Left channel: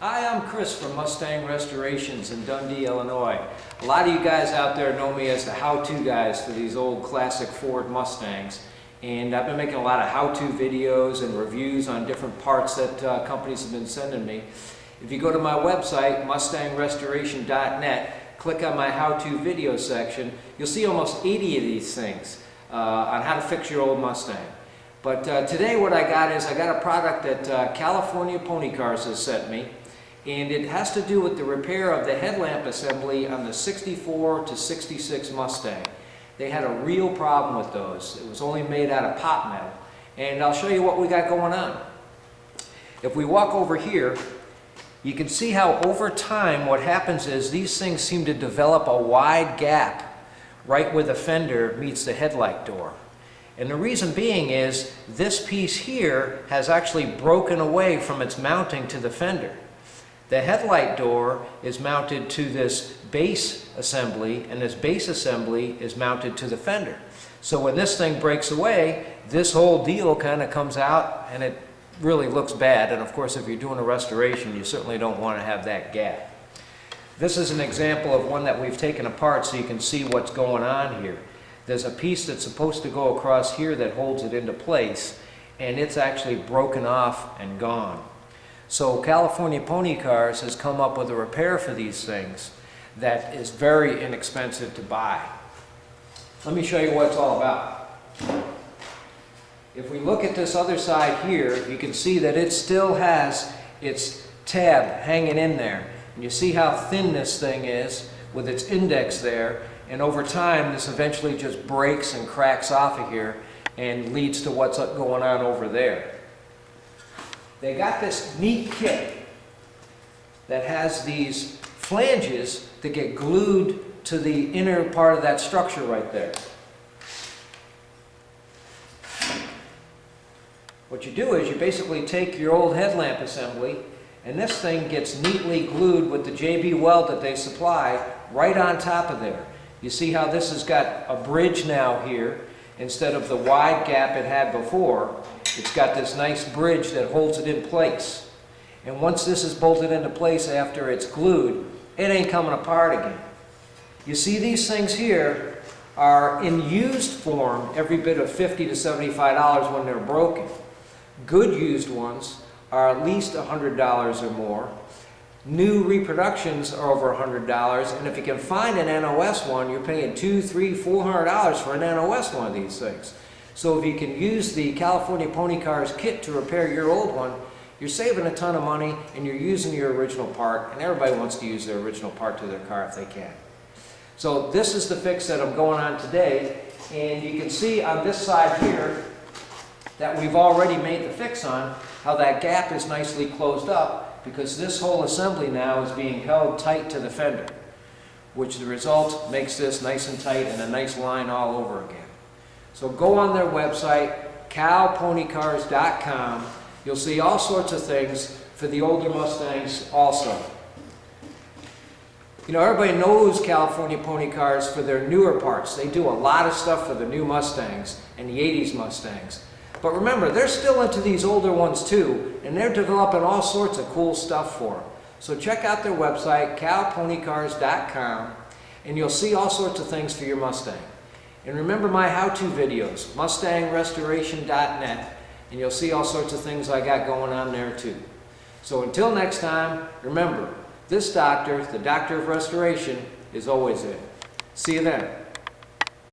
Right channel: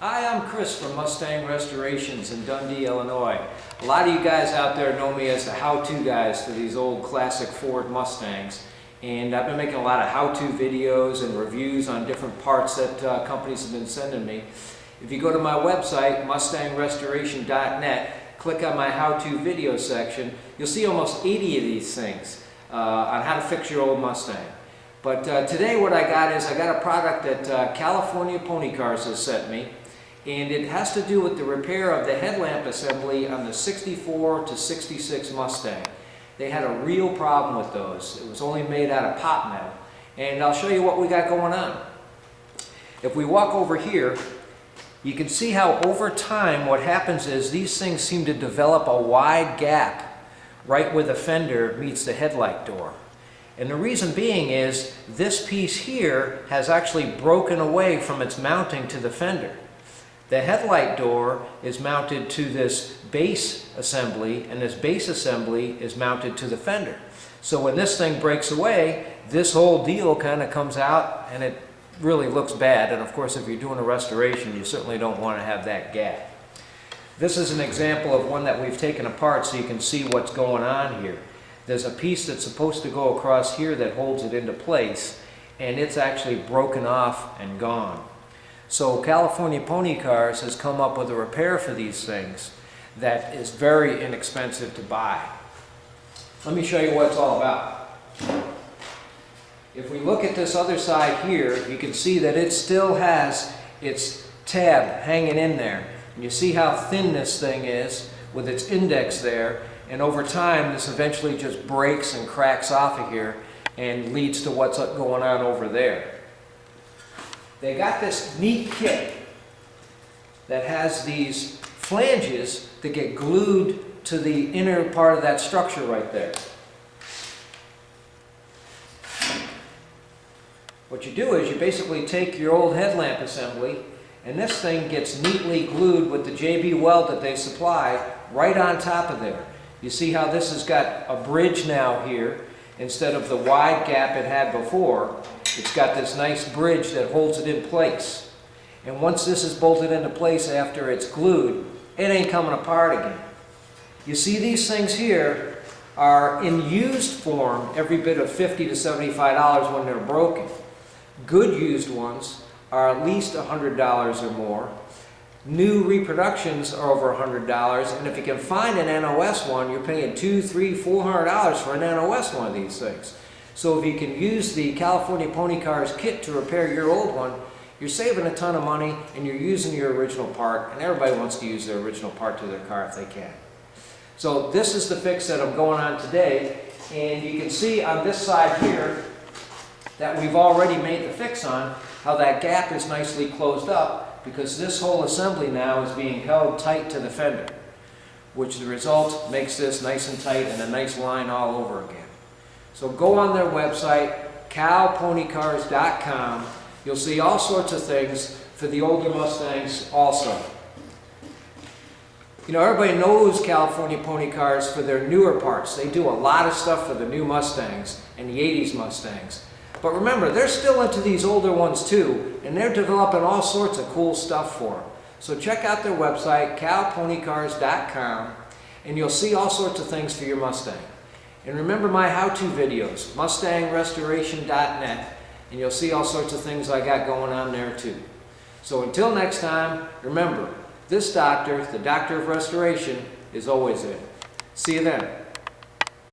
Hi, I'm Chris from Mustang Restorations in Dundee, Illinois. A lot of you guys out there know me as the how-to guys for these old classic Ford Mustangs. And I've been making a lot of how-to videos and reviews on different parts that companies have been sending me. If you go to my website, mustangrestoration.net, click on my how-to video section, you'll see almost 80 of these things on how to fix your old Mustang. But today what I got is I got a product that California Pony Cars has sent me. And it has to do with the repair of the headlamp assembly on the 64 to 66 Mustang. They had a real problem with those. It was only made out of pot metal. And I'll show you what we got going on. If we walk over here, you can see how over time what happens is these things seem to develop a wide gap right where the fender meets the headlight door. And the reason being is this piece here has actually broken away from its mounting to the fender. The headlight door is mounted to this base assembly, and this base assembly is mounted to the fender. So when this thing breaks away, this whole deal kind of comes out, and it really looks bad. And of course, if you're doing a restoration, you certainly don't want to have that gap. This is an example of one that we've taken apart so you can see what's going on here. There's a piece that's supposed to go across here that holds it into place, and it's actually broken off and gone. So California Pony Cars has come up with a repair for these things that is very inexpensive to buy. Let me show you what it's all about. If we look at this other side here, you can see that it still has its tab hanging in there. And you see how thin this thing is with its index there. And over time, this eventually just breaks and cracks off of here and leads to what's going on over there. They got this neat kit that has these flanges that get glued to the inner part of that structure right there. What you do is you basically take your old headlamp assembly, and this thing gets neatly glued with the JB weld that they supply right on top of there. You see how this has got a bridge now here instead of the wide gap it had before. It's got this nice bridge that holds it in place. And once this is bolted into place after it's glued, it ain't coming apart again. You see these things here are in used form every bit of $50 to $75 when they're broken. Good used ones are at least $100 or more. New reproductions are over $100, and if you can find an NOS one, you're paying $200, $300, $400 for an NOS one of these things. So if you can use the California Pony Cars kit to repair your old one, you're saving a ton of money and you're using your original part, and everybody wants to use their original part to their car if they can. So this is the fix that I'm going on today, and you can see on this side here that we've already made the fix on how that gap is nicely closed up because this whole assembly now is being held tight to the fender, which the result makes this nice and tight and a nice line all over again. So go on their website, calponycars.com. You'll see all sorts of things for the older Mustangs also. You know, everybody knows California Pony Cars for their newer parts. They do a lot of stuff for the new Mustangs and the 80s Mustangs. But remember, they're still into these older ones too, and they're developing all sorts of cool stuff for them. So check out their website, calponycars.com, and you'll see all sorts of things for your Mustang. And remember my how-to videos, mustangrestoration.net, and you'll see all sorts of things I got going on there too. So until next time, remember, this doctor, the doctor of restoration, is always in. See you then.